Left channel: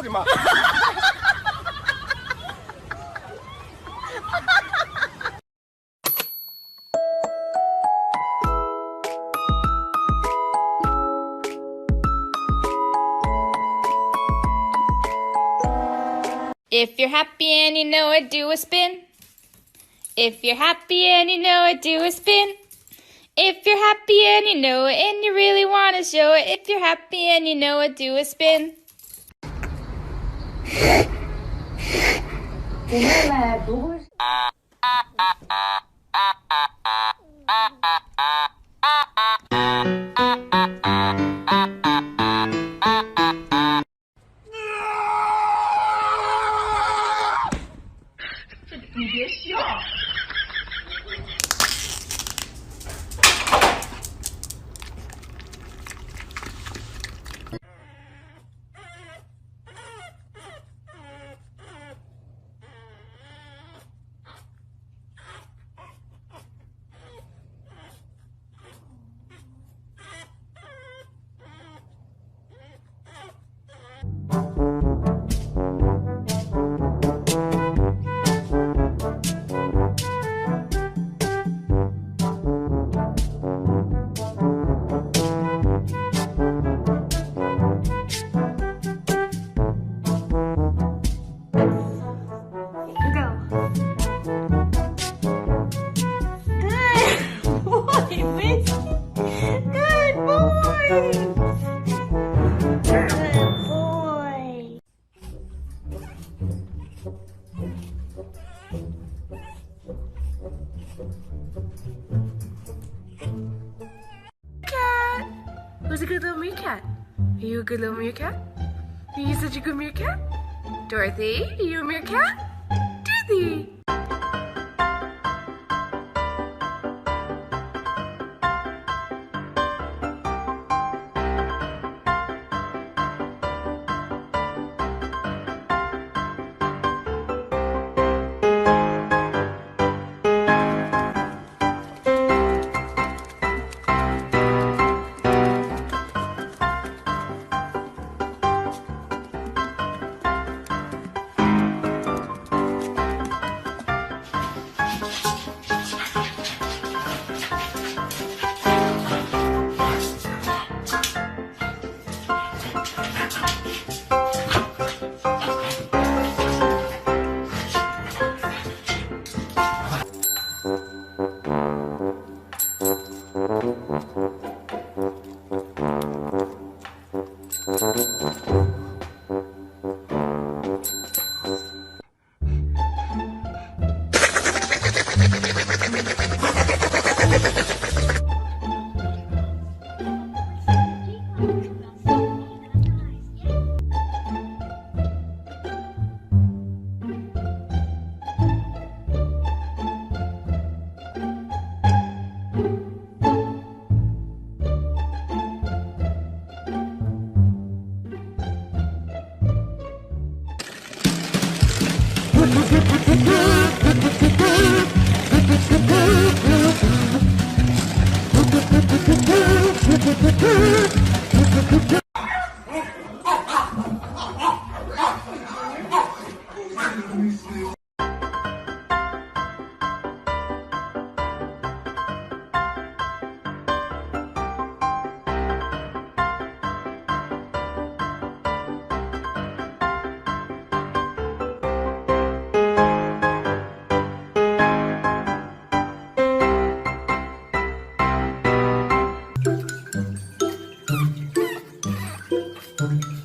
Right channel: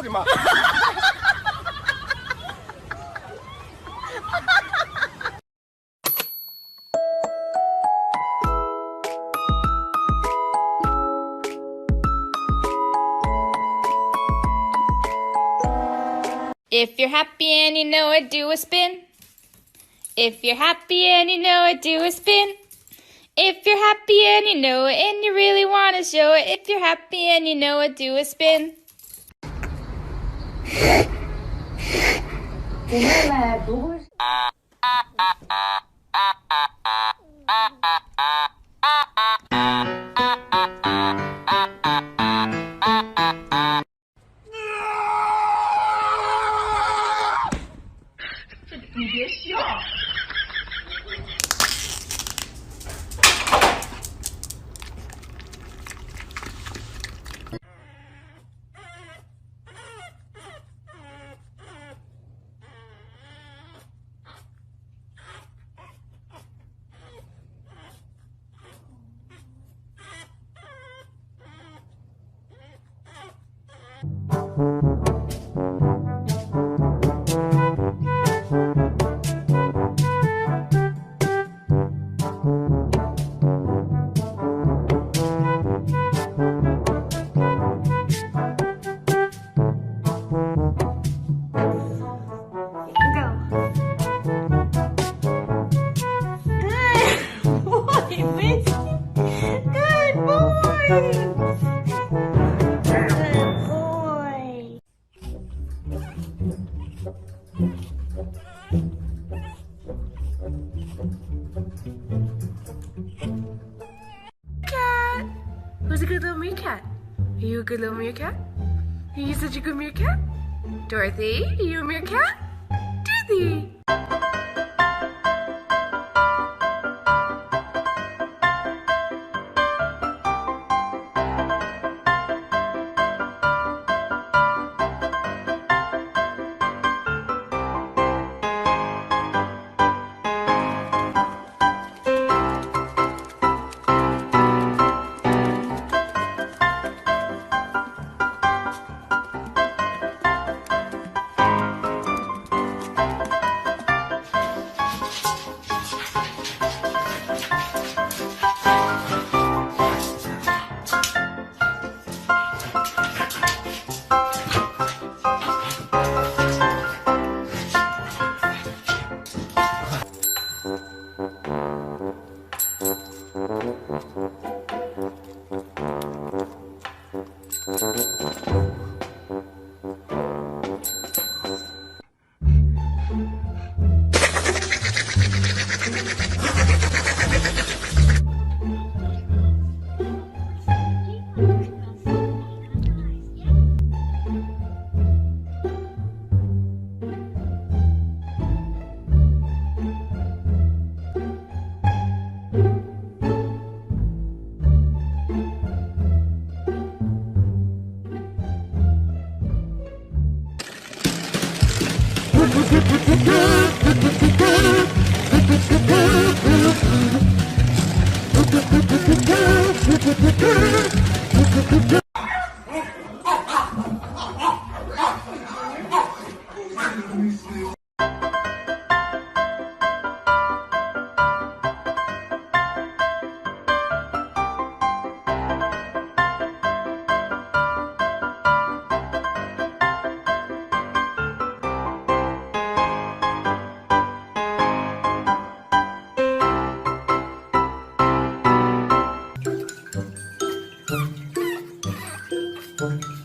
我的妈！ If you're happy and you know it, do a spin. If you're happy and you know it, do a spin. If you're happy and you know it and you really want to show it, if you're happy and you know it, do a spin. 我妹妹不会。你别笑。Who's a good little meerkat? Are you a good little meerkat? Are you such a good meerkat? Dorothy, are you a meerkat? Dorothy! Thank you.